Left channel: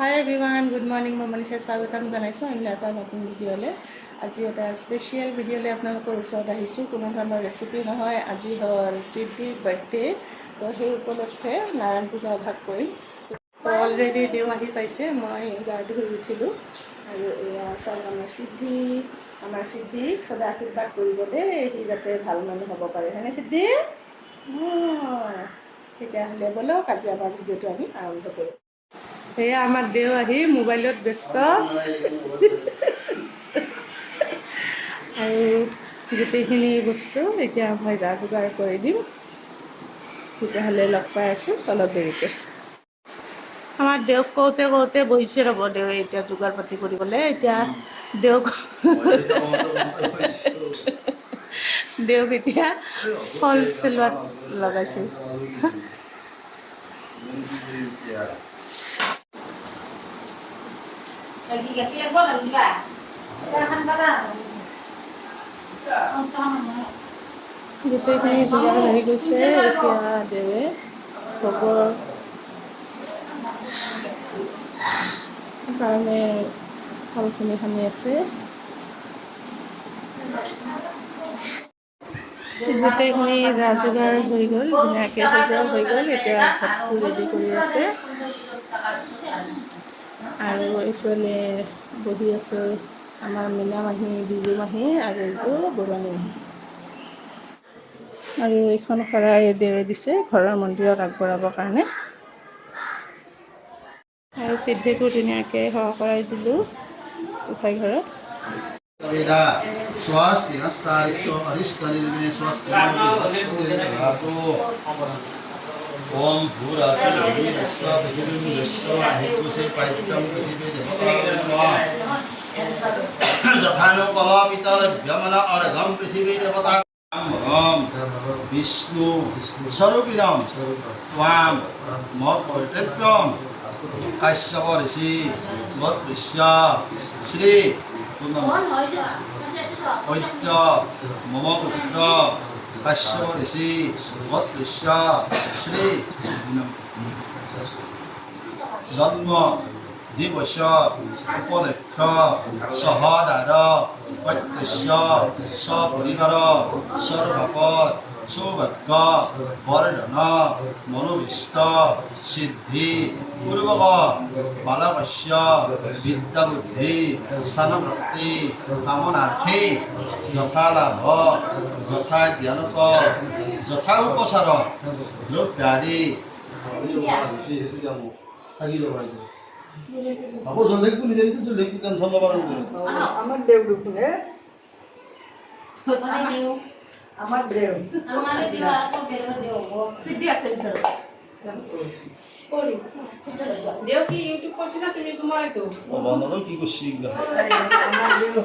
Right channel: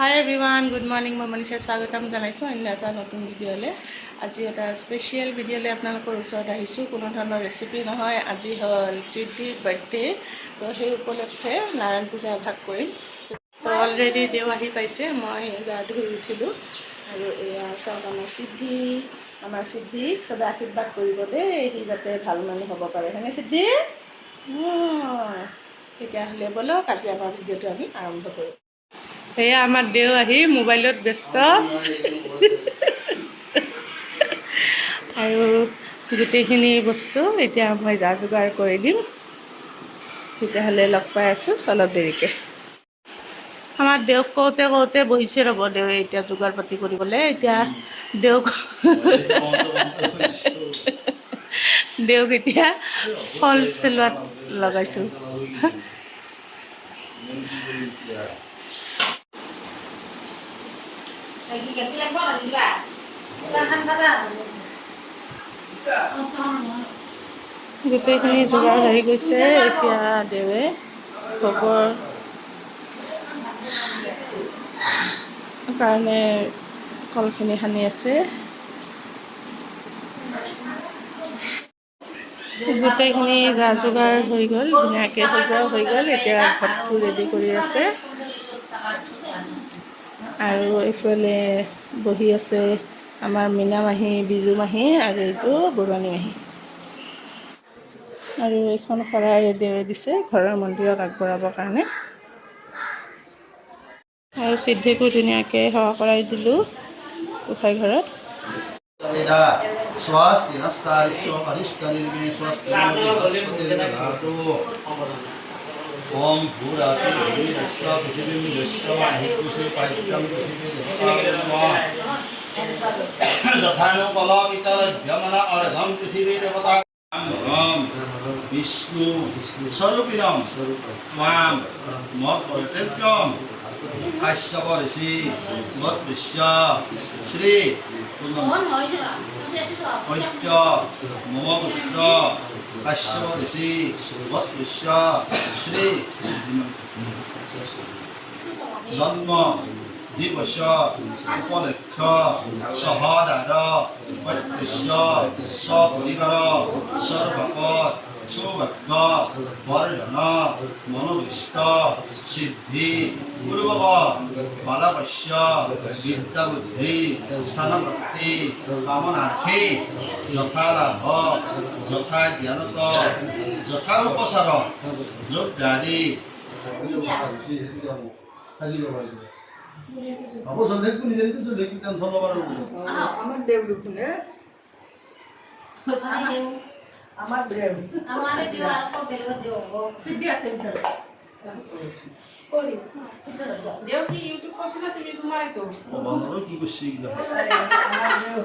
হাই everyone, good morning. মই মনীষা স্বাগতম জনাইছোঁ অন্য এটা নতুন ভিডিঅ'লৈ। আজি এটা স্পেচিয়েল ভিডিঅ'লৈ আপোনালোকৰ ওচৰত আহিছোঁ। কোনো ধৰণৰ ৰেচিপি নহয়, আজি হ'ল চিদ্ধিৰ বাৰ্থডে, তো সেই উপলক্ষে নাৰায়ণ পূজা এভাগ কৰিম। তো অলৰেডি দেও আহি পাইছে, মই গা ধুই উঠিলোঁ আৰু এয়া চাওক আমাৰ চিদ্ধি চবে আশীৰ্বাদ কৰিব দেই, সি যাতে ভাল মানুহ হ'ব পাৰে। হয়নে চিদ্ধি? তেতিয়াহ'লে ব'লক আজি আমাৰ ভিডিঅ'টো আমি আৰম্ভ কৰোঁ। সেয়া আমাৰ দেও আহি মোবাইলত ব্যস্ত আৰু গোটেইখিনি বস্তু এতিয়া মই যা যোগাৰ কৰি দিম। তেতিয়াহ'লে লগ পাই আছোঁ অলপ দেৰিকৈ। আমাৰ দেউক কওঁতে কওঁতে বহিছে ৰ'ব, দেৱে এতিয়া যোগাৰ পাতি কৰিবলৈ। এতিয়া দেউক এতিয়া ফল চেলোৱাত লগাইছোঁ। গোটেইখিনি যোগাৰ হৈ গৈছে। এতিয়া দেৱে ভোগৰ কাৰণে কলখিনি সানি আছে। গোটেইখিনি যা যোগাৰ হৈ গ'ল, ধুনীয়াকৈ সজোৱা হৈ গ'ল। এতিয়া ভাতটো ৰেডি কৰি আছে আৰু এইফালে বহি আছে আমাৰ মীনা মাহী, বিজু মাহী আৰু এইটো বৰুৱানী মাহী। আৰু এইখন শৰাই দেৱে দিছে ঘৰৰ মন্দিৰত আগবঢ়াবৰ কাৰণে। আৰু চিদ্ধিকো ধুনীয়াকৈ সেৱা কৰাই দিলোঁ গোসাঁই ঘৰত। ओम भूरासि भूमिरस्य पृथिवीं यस्य वाहितुसे पाइत्यं पृथिवीर्यस्य जथानुकलापितलभ्यमन अर्घं पृथिवीदेवता विष्णु स्वरूपिणं त्वां मत् कर्तव्यं काश्यप ऋषि मत्ऋष्य श्री ऐत्य मम पुत्र काश्यप ऋषि मत्ऋष्य श्री जन्म दिवस उपलक्ष सहादार प्रत्यक्ष सपरिवार सर्वपद सौभाग्य वर्धन मनोभीष्ट सिद्धि पूर्वक बालकस्य विद्याबुद्धि स्थानप्राप्ति कामनार्थे यथा लाभ यथा ज्ञानत यथा उपचार द्रव्यादि अब जल्दी को निजे तो जल्दी की टेंशन लबार আমার দেব লুকুনে আমার দেব আমারে দিবা আর কো বেল দেব সিদ্ধি আছে ভিতরে করি দেও কি ইউটিউব করছ না তুমি তোমার তো বানানো কি করছি আমার দেব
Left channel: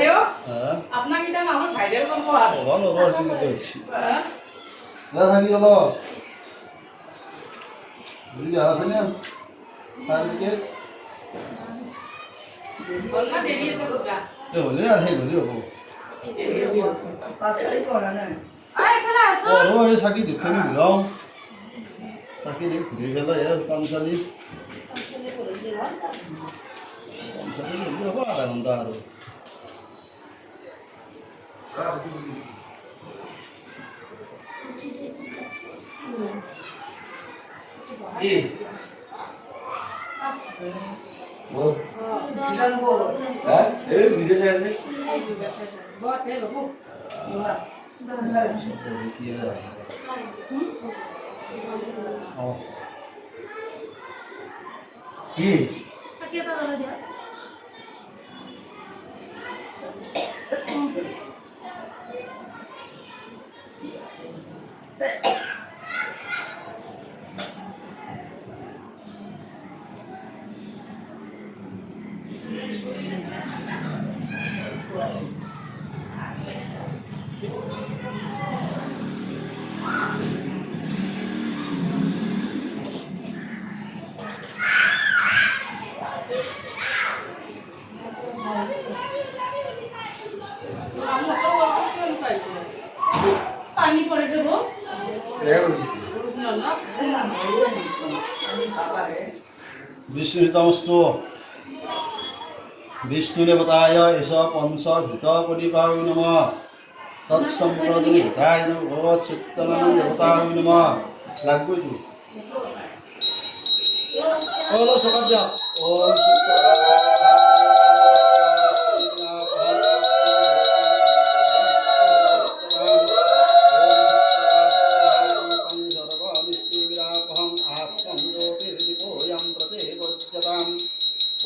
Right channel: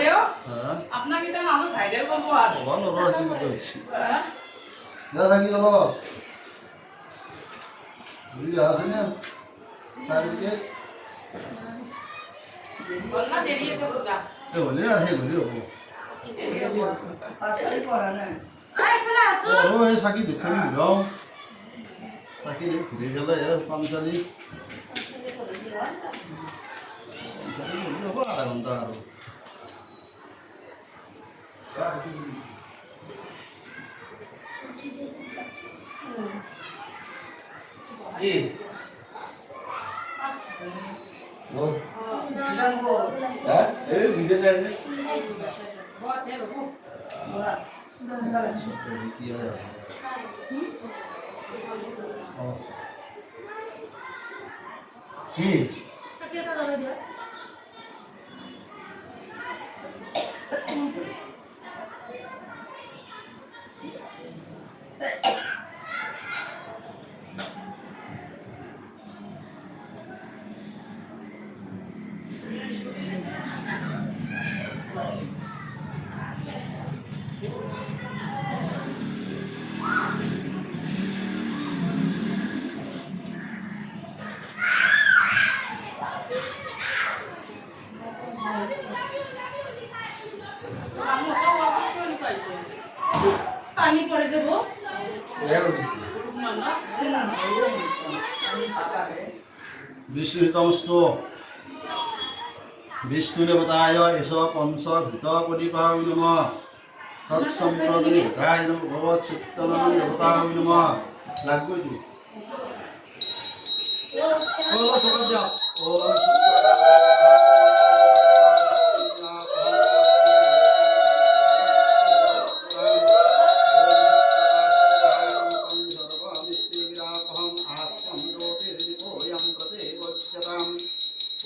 দেও হ্যাঁ আপনাকে এটা আমার ভাইরাল করব আর বানানো কি করছি না থাকি হলো বুঝলি আছে না তারকে বলনা দেরি আছে পূজা এ বলে আর হে গলি হবো তাড়াতাড়ি করা না আই ফেলা আছো ওরো এ সাকি দেখনি বুলাও সাকি দেখ ঘুরে গেল এর পাঁচশালি হবো আধা ঘন্টা আর ए वो किसान को हां ए वीडियो साइज में बहुत है बाबू किया है ओ ये क्या लगा दिया পানি পরে দেবো विष्णुतमस्तु विष्णुदेवताय एष पंचभूतपदिपाय नमः तत्सम्प्रदनिताय नमः भगवत्सुत्तमनं देवताय नमः लागू तू ओलो सकाद्य ओम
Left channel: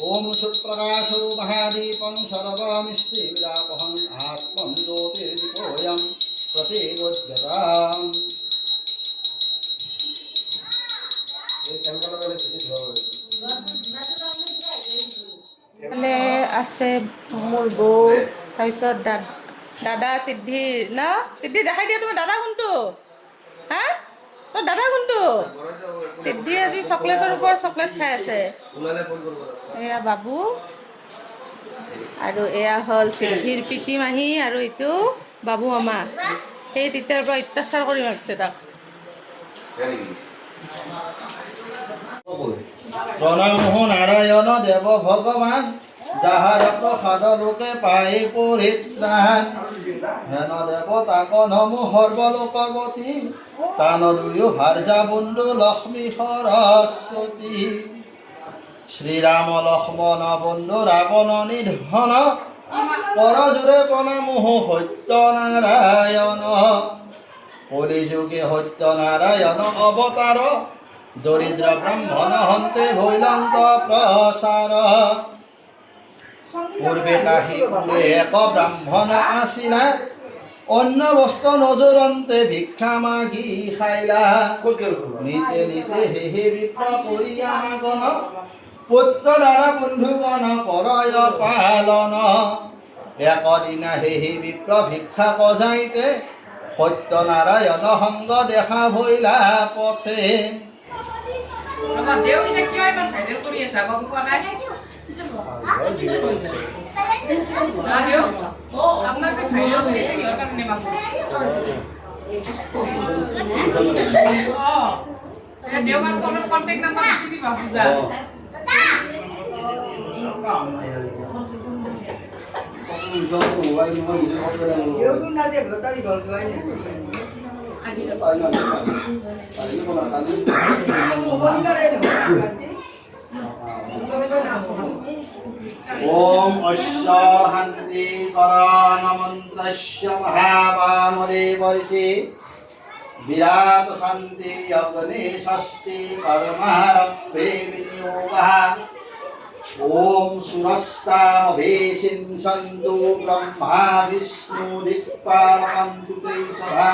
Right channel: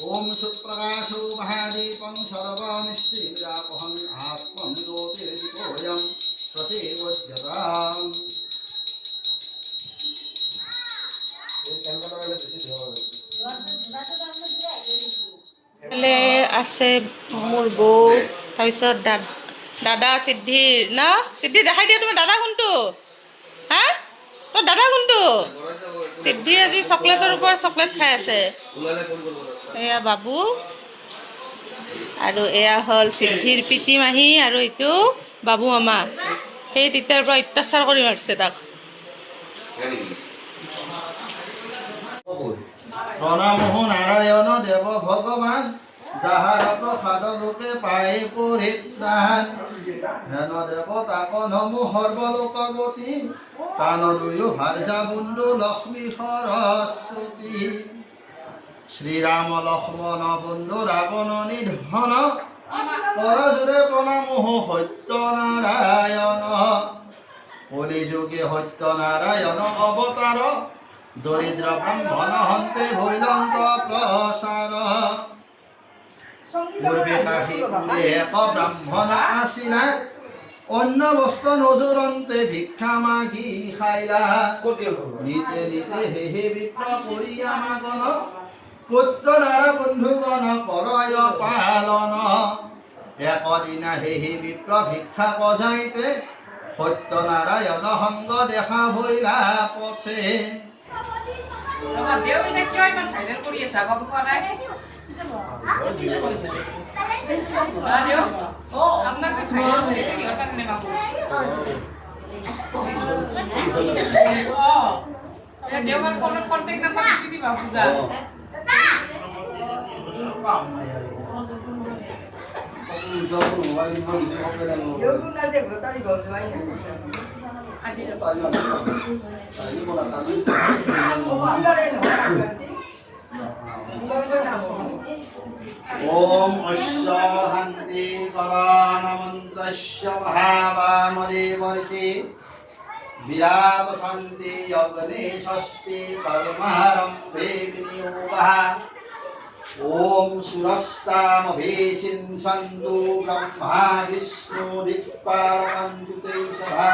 ओम सुप्रकाशो महादीपं सर्वमिष्टि विरापहं आत्मं ज्योतिर्दीपोऽयं प्रतिगोच्यताम् আছে মোৰ বৌ তাৰপিছত দাদা সিদ্ধিৰ না সিদ্ধি দেখাই দিয়া তুমি দাদা কোনটো হা তোৰ দাদা কোনটো সিদ্ধি আজি চকলেটৰ ওপৰত চকলেট খাই আছে এয়া বাবু আৰু এয়া হ'ল সিদ্ধিৰ পিতি মাহী আৰু এইটো বাবু মামা সেই তেতিয়াৰ পৰা অত্যাচাৰ কৰি মাৰিছে তাক प्रणमो नारायण देव भगवान যাহার প্রসাদ লোকে পায়ে পরিত্রাণ হেন দেবতাক নমো সর্বলোকগতি তান দুয়ো হার্যা বন্ধু লক্ষ্মী সরস্বতী শ্রীরাম লক্ষ্মণ বন্ধু রাবণ নিধন পরজুরে প্রণমোহ সত্যনারায়ণ কলিযুগে সত্যনারায়ণ অবতার দরিদ্র ব্রাহ্মণ হন্তে ভৈলন্ত প্রসার পূর্বে কাশী কুলে এক ব্রাহ্মণ আসিলা অন্য বস্ত্র নজরন্তে ভিক্ষা মাগি খাইলা নিতে নিতে হে বিপ্র করিয়া মাগন পুত্র দ্বারা বন্ধুগণ করয় পালন একদিনা হে বিপ্র ভিক্ষা বজাইতে সত্যনারায়ণ সংগ দেখা ভৈলা পথে ओम अश्वहन्ति करानमन्त्रस्य महावामरे वर्षे विराट शान्ति यज्ञे षष्ठी कर्मारम्भे विनियोगः ओम सुरस्तामभेशिंसन्तु ब्रह्मा विष्णु दिक्पालकन्तु ते सदा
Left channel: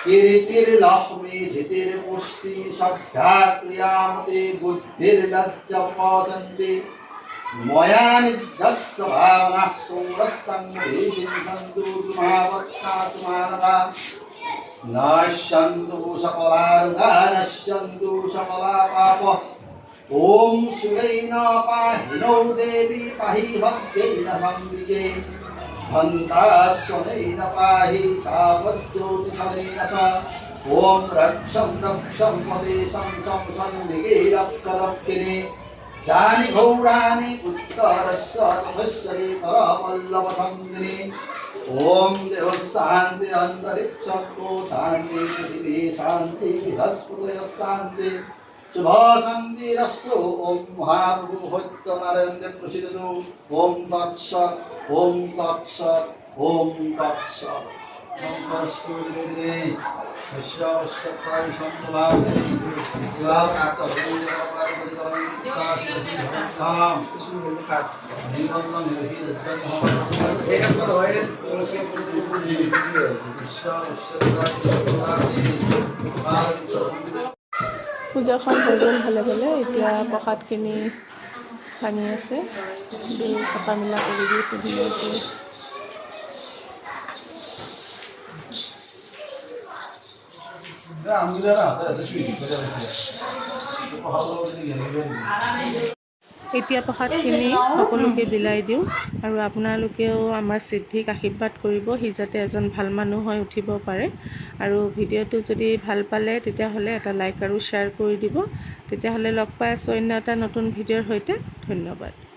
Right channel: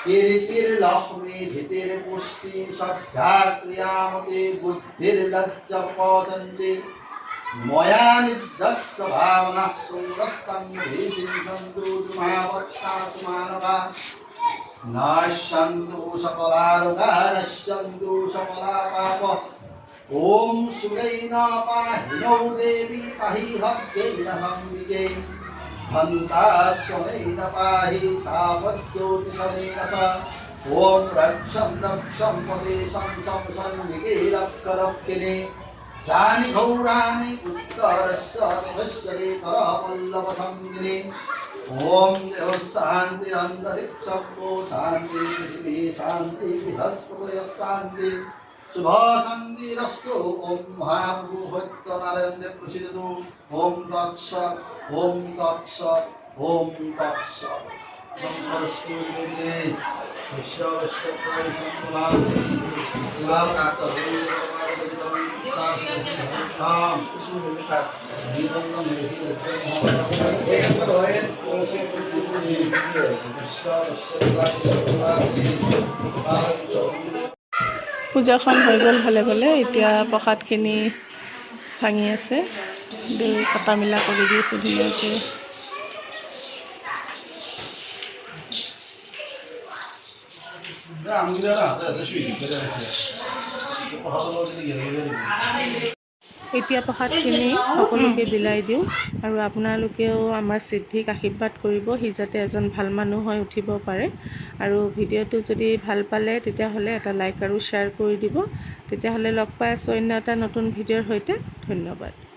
कीर्तिर्लक्ष्मी धीतिर्पुष्टि श्रद्धा क्रियामते बुद्धिर्लज्जपचन्ति मया निध्यस्य भावना सुरस्तं भेषिंसन्तु तुमावत्तातु मानवा नश्यन्तु सकलारुगा नश्यन्तु सकला पाप ओम सुरैन पाहिनौ देवी पाहि भक्तेन संविदे हन्तास्वनैन पाहि सावज्योतिषमेन स ओम रक्षं दक्षं पदेशं संसन्निगे रक्षरक्षिणे जानि घौराणि उत्तरस्य तपस्यते करपल्लवसङ्गिने ओम देव शान्ति अन्तरिक्षको शान्ति पृथिवी शान्ति बृहस्पतयः शान्ति शुभ शान्तिरस्तु ओम महाप्रभु सत्यनारायण प्रसीदतु ओम तत्सत् ओम तत्सत् ओम तत्सत् नमस्ते देवी विश्ववस्तुताय संकुलाते लालनाथ भगवान भगवान जीवनं পূজাখন হৈ গ'ল ভালে ভালে এতিয়া প্ৰসাদখিনি ভাঙি আছে দৈ কটা মিলা কৰি দিছে ধুনীয়াকৈ এতিয়া প্ৰসাদখিনি সকলোকে বিলাই দিওঁ আৰু আপোনালোকেও আমাৰ সিদ্ধিক আশীৰ্বাদ কৰিব, সি যাতে এজন ভাল মানুহ হৈ উঠিব পাৰে। আৰু ভিডিঅ'টো যদি ভাল পালে তেতিয়াহ'লে এটা লাইক আৰু শ্বেয়াৰ কৰি দিব। তেতিয়াহ'লে লগ পাই আছোঁ অন্য এটা নতুন ভিডিঅ'ৰ সৈতে। ধন্যবাদ।